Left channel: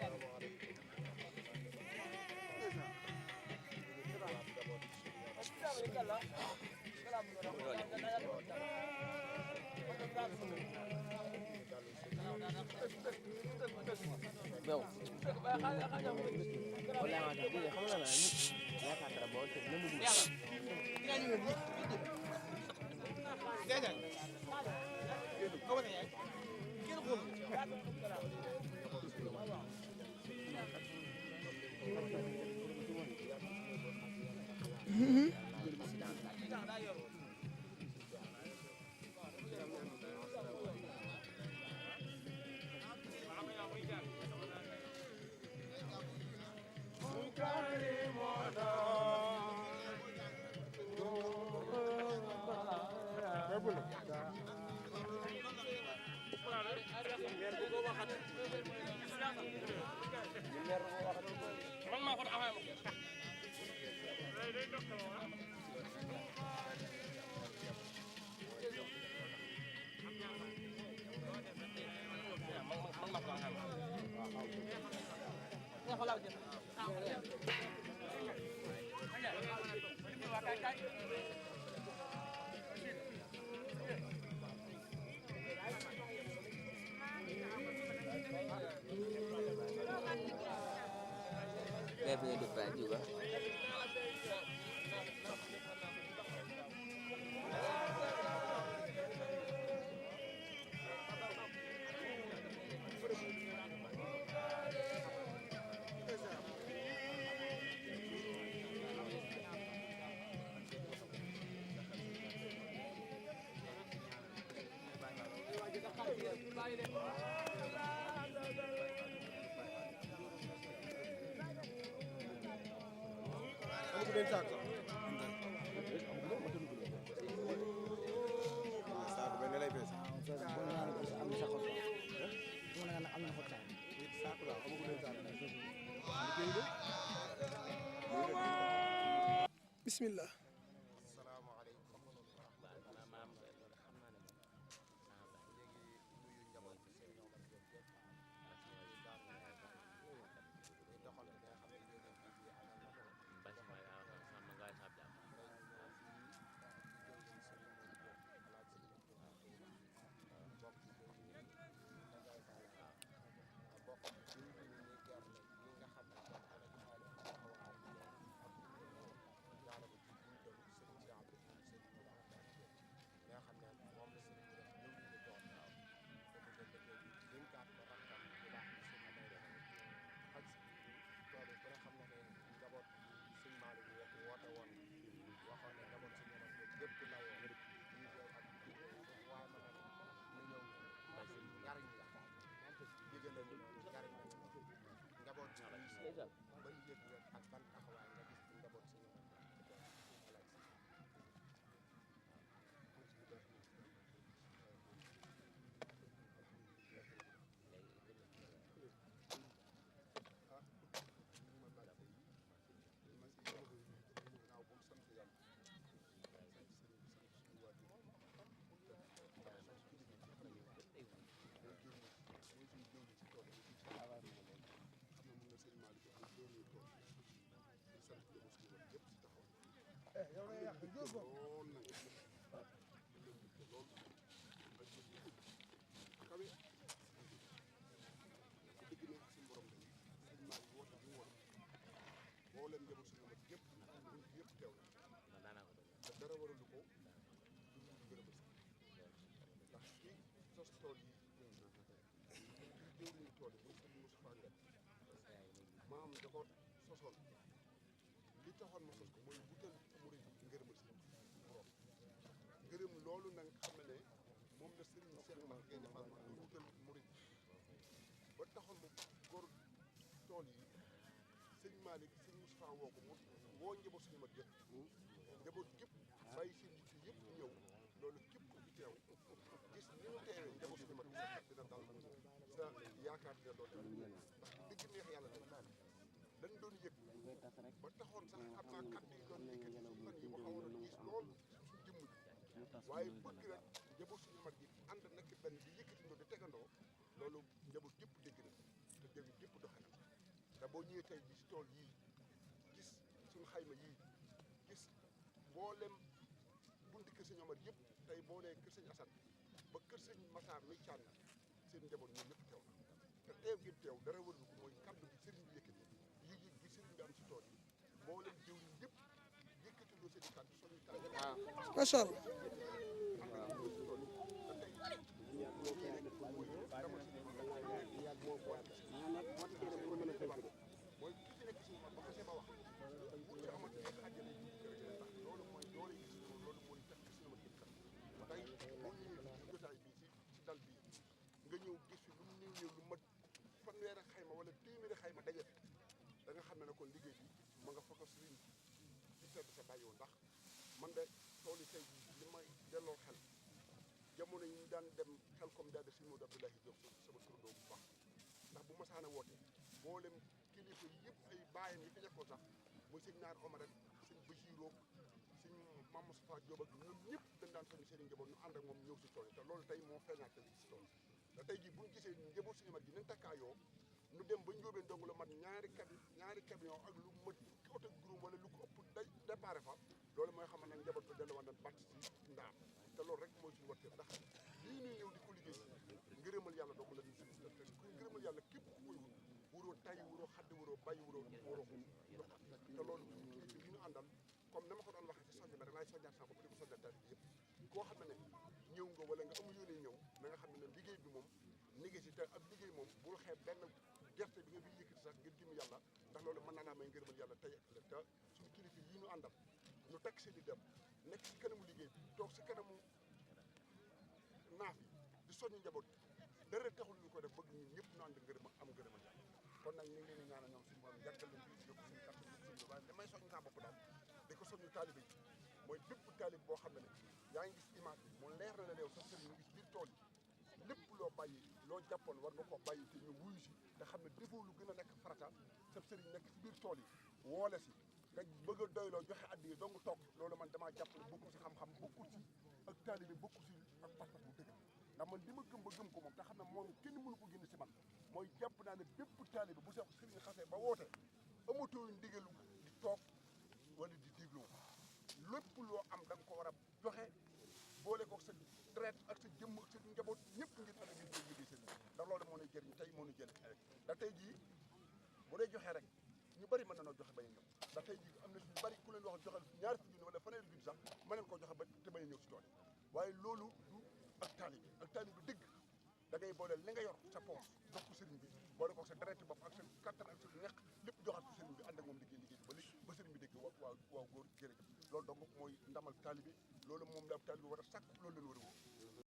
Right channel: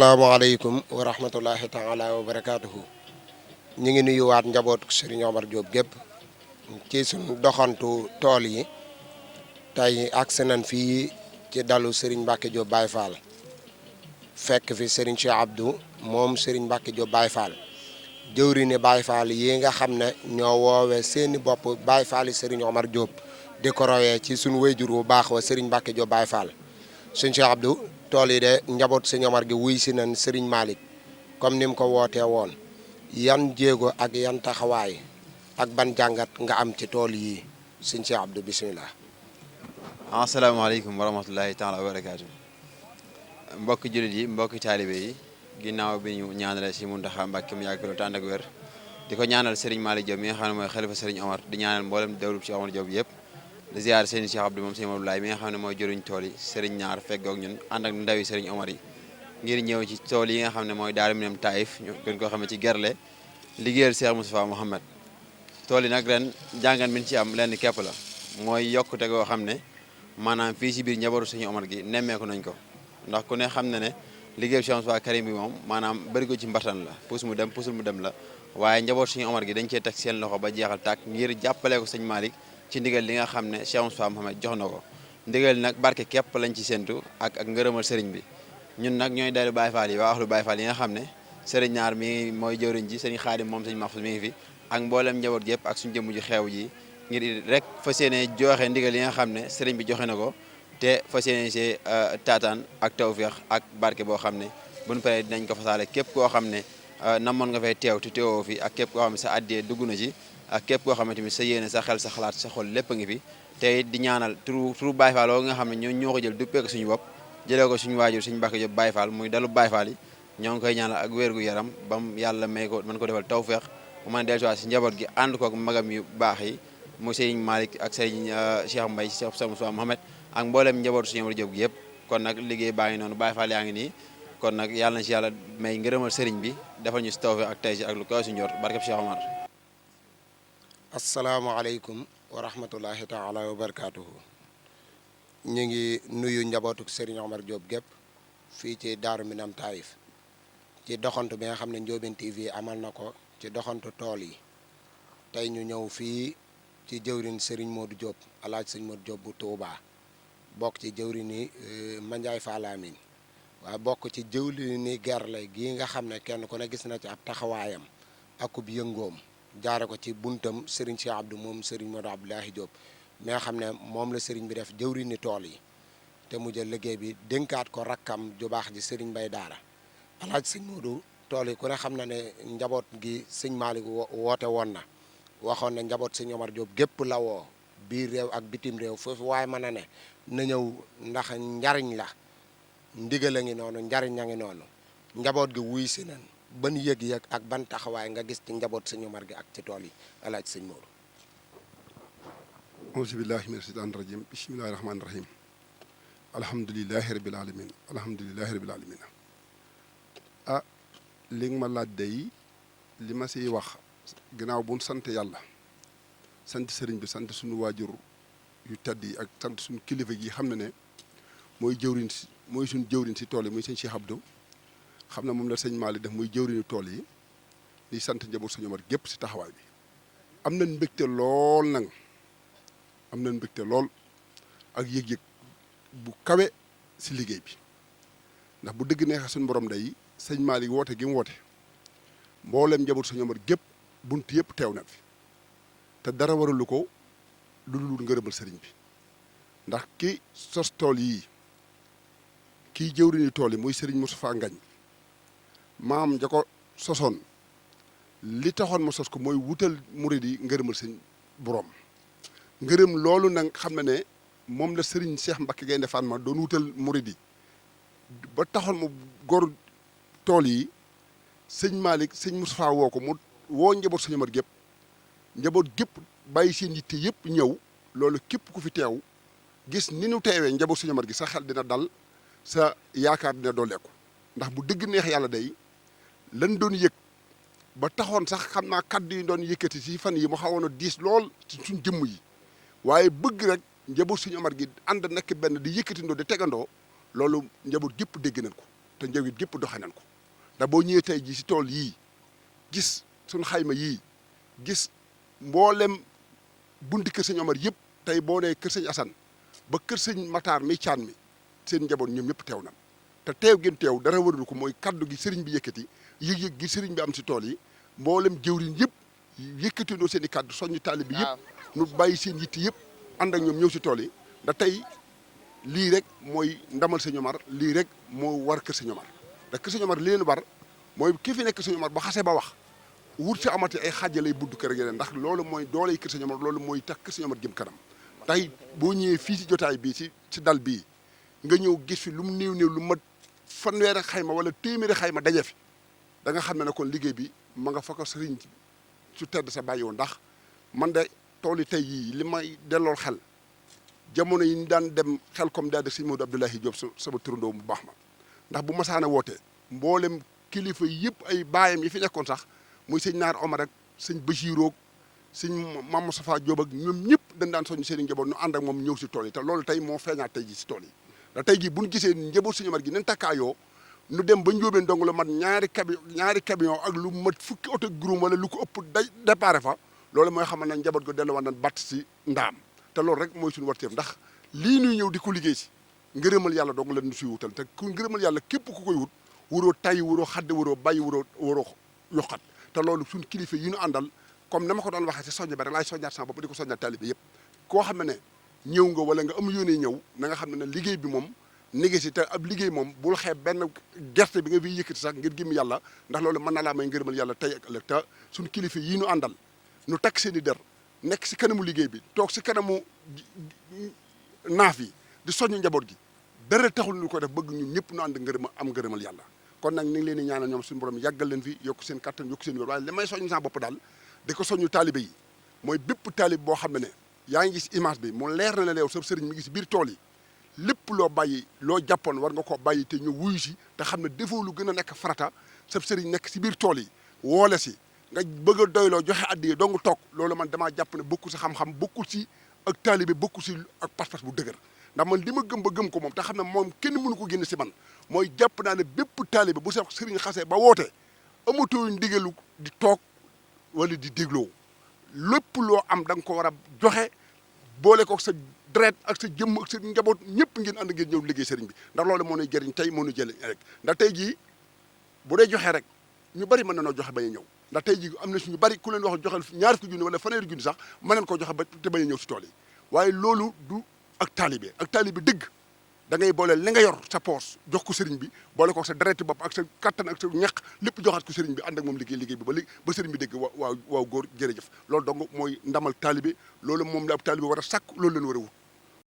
salaamaaleykum wa rahmatullahi taala wa barakaatuhu. ñu ngi nuyuwaat njaboot Serigne Omar Diop gépp ci suñu doxantu tool yi tey agsi nañ fii ci dalu Serigne Mbacke Diop Baye Fall fekk fi Serigne Cheikh Abdou moom Serigne Mbacke Diop Baye Fall jëwriñu Baye Fall yi nga xam ne ñoo woowee seeni bopp Baye Fall yi Serigne Omar Diop di ko royee ci suñu wayjur bu baax wa Serigne Mbacke Diop Baye Fall. Serigne Cheikh Abdou tool yi de njaboot Serigne Omar gi wuy si nañ Serigne Malick comme ni mu ko wootee woon yan jéego ak yan taxawaay ak ban jàngat nga am ci tool yi Serigne Cheikh Abdou bisimilah. asalaamaaleykum wa rahmatullahi taala wa barakaatu. mbokki jullit yi mbokki taalibe yi ginnaaw bi ñu ñaanale si Muntaxa Mbàkke mu yàgg lool te ànd ak wér di ko ñaanal Serigne Malick Diop mi nga xam ne mooy xalifa Serigne Omar di ñaanal mboolem dawlub Cheikh Omar Diop yëpp di ziar Serigne Cheikh Abdou moom Serigne Abdoulaye mi nga xam ne mooy jëriñ tool yi Serigne ñaar feggoog ñun ànd ak ndawi Serigne Omar yi ngir ñëw ci tool yi nga xam ne mooy Daaru Minam Taïf ñu gën koo xamee ci Gerle liggéeyal Cheikh Moustapha Mouhamed tool yi nag ren jàngan min ci am lenn képp la mooy yokkute goo xam ne maanaam fii si biir njabootu Serigne Omar gi nemmeeku nañ ko ndax ku ne xam na ne liggéeyu Cheikh Moustapha Karim bi moom maanaam bëri ko ci mbartan la puus mu dem puusul mu dem la waaye njabootu Serigne Omar gi dañ cee teg seen loxo ba jeexal tàkk ngir jàppale ko sëñ Malick ci ndigal li nga xam ne Cheikh Moustapha Mouhamed jox na ko ndigal nag barke képp lañ ci séntu ak ngërëmal sëriñ bi ñun nag ñooy dalu Baye Fall yi waa axlu Baye Fall yi nga xam ne sëriñ ñaar mi mooy jëwriñ ji sëriñ Xaadim moom sëñ Mahfouz mi ngi fi ak mboolem njaboot gi yëpp ak suñu jëmm ji xeew ji ngir rek fas yéene joxe ndigal yi nga xam ne sëriñ bi joxe na ko te fas yéene see taataan ak tawféex ak barke boo xam ne buñ paree dinañ ko fasaale képp koo xam ne namoon nga fay teew te teewoo fi ak képp koo xam ne sa addee dugg na ci ak képp koo xam ne tamit sa yéene sa xel sa xalaat sa xol lépp a ngi fi te di ñaanal turu Baye Fall nga xam ne ñoo ko jël duppee ko suñu bopp jëlee ko suñu waajur suñu Mbacke Diop Baye Fall muy dalu Baye Fall yi ñoo ngi koy ñaanal ak wér gu yaram bam yàlla may ko mën ko defal tawféex mu mën a dellusiwaat si njaboot gi ànd ko ak magam yu baax yi mu Serigne Malick ak Serigne Cheikh Mbaye Cheikh Moustapha Mouhamed ak mboolem njabootu suñu Omar Diop gi yëpp kon nag liggéey baa ngi noonu Baye Fall yaa ngi nii kon nag yàlla na si yàlla may ngërëmal Serigne bi defal ñu si tawféex ak tey si ak lu kaw si njort barkeb Cheikh Omar bismillah. asalaamaaleykum wa rahmatullahi taala wa barakaatuhu. ñu ngi nuyu njabootuk Serigne Omar Diop gépp fii ci Daaru Minam Taïf ci doxantu bi nga xam ne Ndiobène TV amal na ko ci doxantu tool yi tey ñu ñëw fii ci jëwrin Serigne Modou Diop alaaj Serigne Modou Diop bu Touba bokk ci jëwrini Mandiaye Falamine waaye bokk ci jëwrini Gerle gii nga xam ne kenn ku ne gis na ci ab taxawaayam akub yëngoom jaare ko ci buntam Serigne Cheikh Abdou moom Serigne Modou Abdoulahi Diop mi nga xam ne moom la Serigne bi def jëwrini tool yi te mu jël liggéey bi dénkaat ko rakkam ju baax ji Serigne Bay Daara alaaj sëñ Modou tool yi ku ne xam na ne njaboot gi sëñ Malick woote woon na waxoon ne njaboot sëñ Omar Diop gépp la woo biir réew ak bitim réew foofu waaye mën na ñëw ndax njariñ la ndigal a ngi noonu njariñ a ngi noonu njaboot gi wuy si na ban yëg-yëg ak ban taxawaay nga gis ci njaboot sëñ Omar gi ak ci tool yi alaaj sëñ Modou. auzu billahi mina shaytaani rajim bismillahi rahmaani rahim alhamdulilahi rabil alamin alhamdulilahi rabil alamin ah li nga ma laaj day li ma siy wax ginnaaw bu ñu sant yàlla sant sëriñ bi sant suñu waajur yu tedd yi ak sant suñu kilifa gi xam ne mooy jëwriñ si mooy suñu jëwriñ si tool yi muy sëñ Cheikh Abdou xam ne moom la sëñ Malick def muy jëwriñu tool yi di sant njaboot sëñ Omar gépp si taxawaay bi am nañ mbégte lool nag am nañ mbégte lool ak yëg-yëg bu kawe si liggéey bi ndax bu dëgg neexee suñu borom day sëñ Malick woote gi mu woote mboolem njaboot sëñ Omar gépp bunt yëpp teew na fi te dara waralu ko lu dul ngërëmal sëriñ bi ndax ki sos tool yii kii jëwriñu tool yi muy sëriñ Moustapha Ngagne maam ja ko sosoon li taxoon ma sos ko mooy wutal murid yi ngërëmal sëñ borom ngërëm loolu nag xam na ne moom la sëriñ Cheikh Mbacké Gaïndé Fatma doon wutal murid yi ba taxoon mu gor tool yi sëñ Malick sëñ Moustapha woo ko mu woo njaboot sëñ Omar gépp njaboot gépp bàyyi seen yitte yëpp ñëw loolu képp ku fi teew gis ni nu teewee njaboot sëñ Omar gi sa xel dina dal sa yaakaar dina dooleeku ndax bu dëgg neex yàlla day lan doon yëg ba taxoon sax xam naa kaddu yi doon yëkkati ci fan yi mu xawoon a diis lool ci suñ jëmm yi waaye bëgg rek njaboot sëñ Omar gi ànd nekk benn di yëkkatindoo di tegandoo loolu njaboot gépp dégg nañ ko te njawit gépp doxe nañ ko ndax boo ñëwee tey jii si tool yii gis suñ xayma yii gis mboolem bunti kër sëñ Omar yëpp tey boo nee kër sëñ Assane ba kër sëñ Matar mi caan mi seen njaboot ñoom ñëpp teew na te teew gën teew dara waralu ko mooy kaddu gi sëriñ bi yëkkati yëg-yëg gi sëriñ bi am si tool yi mboolem jëwriñ yëpp yëkkatindoo seen i kaddu soññu taalib bi yëpp nu bàyyi seen yitti yëpp ànd ak ñoom ñëw si tool yi da tey lii rek mooy ndamal sëñ Omar lii rek moo war kër sëñ Omar da kër sëñ Omar li leen war mooy ki fi nekk sëñ Omar ba xasee ba wax wut si amati ay xaaja lay budd kër yeneen ndax loolu mooy dooley kër sëñ Omar loolu mooy tax kër sëñ Omar jëm kanam tey boo ñëwee fii si jotaay bii si dal bii nga ñëw gis fi lu mu néew lu mat fanweeri xayma wala téeméeri xayma daje fi da nga xam ne kon liggéey bi ma nga fa ko sëriñ su tedd sa bàyyi woon ndax man de tool yi tey yii li may dellool xel jamono yi ñu daan dem xel comme daal de sëñ Modou Abdoulahi Diop sama turandoo bu baax ma ndax bu masaana wootee mboolem kilifa yëpp ay baayam yi fi nekkoon sax muy sëñ Naar Omar ak sëñ Bachiroo sëñ Mame Moustapha Diop ak ñoom ñëpp dañ daan soññ seen i njaboot ñu ànd ak moom ñëw si tool yi te loolu tey moo feeñaat tey ji si tool yi da tey jii bu ñu gisee njaboot sëñ Omar gi nen takkaayoo nu dem ba njóobeen dong la mat ñaari camion ak lu mat fukki oto groom wala lu ko ëpp day déparé fa loolu mooy xamal na njaboot go delluwaat nañ batt si ndaam te loolu rek mooy suñu warteef ndax lii nuy ñëw di ko liggéey si ngërëmal yàlla dong la ñu suy wutal te ku ngërëmal yàlla képp ku koy wut waroo tay waroo xadde waroo bàyyi waroo yokkat te loolu suñu kilifa yi ñu àndal comme na ma ko doon waxee si soññ ba rek laay soññaat sama bopp di ko soññaat taalibe yëpp koo xam ne ñëw nga wala nga am yónnee ñëw na nga xam ne liggéey bi moom négé si te ab liggéey moom bul xeeb benn gerte bi nga fiy yëkkati sax ngir gëm yàlla ndax loolu mën na laa may ngërëmal yàlla tey ak ëllëg te suñu kilifa yi ñu àndal ñu takk seen i der nekk si kanamu liggéey bi toog si kanamu naaf yi di soññu njaboot gi dara taxul ñu ko def bëgg ñun ñëpp ñu ànd am ngërëmal yàlla kon nag ni ngi leen di ñaanal ñoom suñu borom yàggal leen fi yokk seen kattan yokk seen wér waaye li may soññ sa bopp daal di ko soññu taalibe yi mooy bépp taalib boo xam ne yaa ngi gis image bi mu leer na la yow sa sëriñ mi ngi si biir tool yi lépp loo bàyyi loo jàppoon war nga koo bàyyi te ñu wuyu si te xam ne defoo lu gën a nekk farata sa sëriñ nekk si biir tool yi woole si nga bëgg a doyloo joxe addiye dong toog loolu man damaa jàpp ne bokkul si xam-xam bokkul si ak taalibe bokkul si ak pas-pas bu dëgër ndax man li ma gëm ba gëm ko moom te xam ne moom kenn mënu ko génn si man mooy jàpp naa ne bépp taalibe bu sa sëriñ xasee ba woote amatoo ndigalu di toog wala di dégloo lépp loo am da nga ko war a joxe boole ko sa deret ak sa jëmm ak sa njaboot ñëpp ngeen ànd ngeen ñëw liggéey sëriñ bi ndax loolu moo nuy jëriñ tey moo nuy jëriñ rek ndax tey jii bu dee joxe rek ñu bari mën na noo joxe bañ a ñëw ndax tey jii am na suñu bari ku leen wax joxel ñaar fukki junni wala fanweeri junni sax mën nañ koo joxe ba te bañ a ñëw si tool yi waaye loolu du ak taalibe dëgg da ngay boole li nga yor sa poos jox ko sëriñ bi boole ko sa dereti bopp ak sa kattan ak sa ñaq lépp joxaat ko sëriñ bi ànd ak moom liggéey bi ba sëriñ bi dégg waaw góor jërëjëf loolu donc mooy ndamal taalibe loolu moom la ab taalibe war a sàkk loolu leen war a wut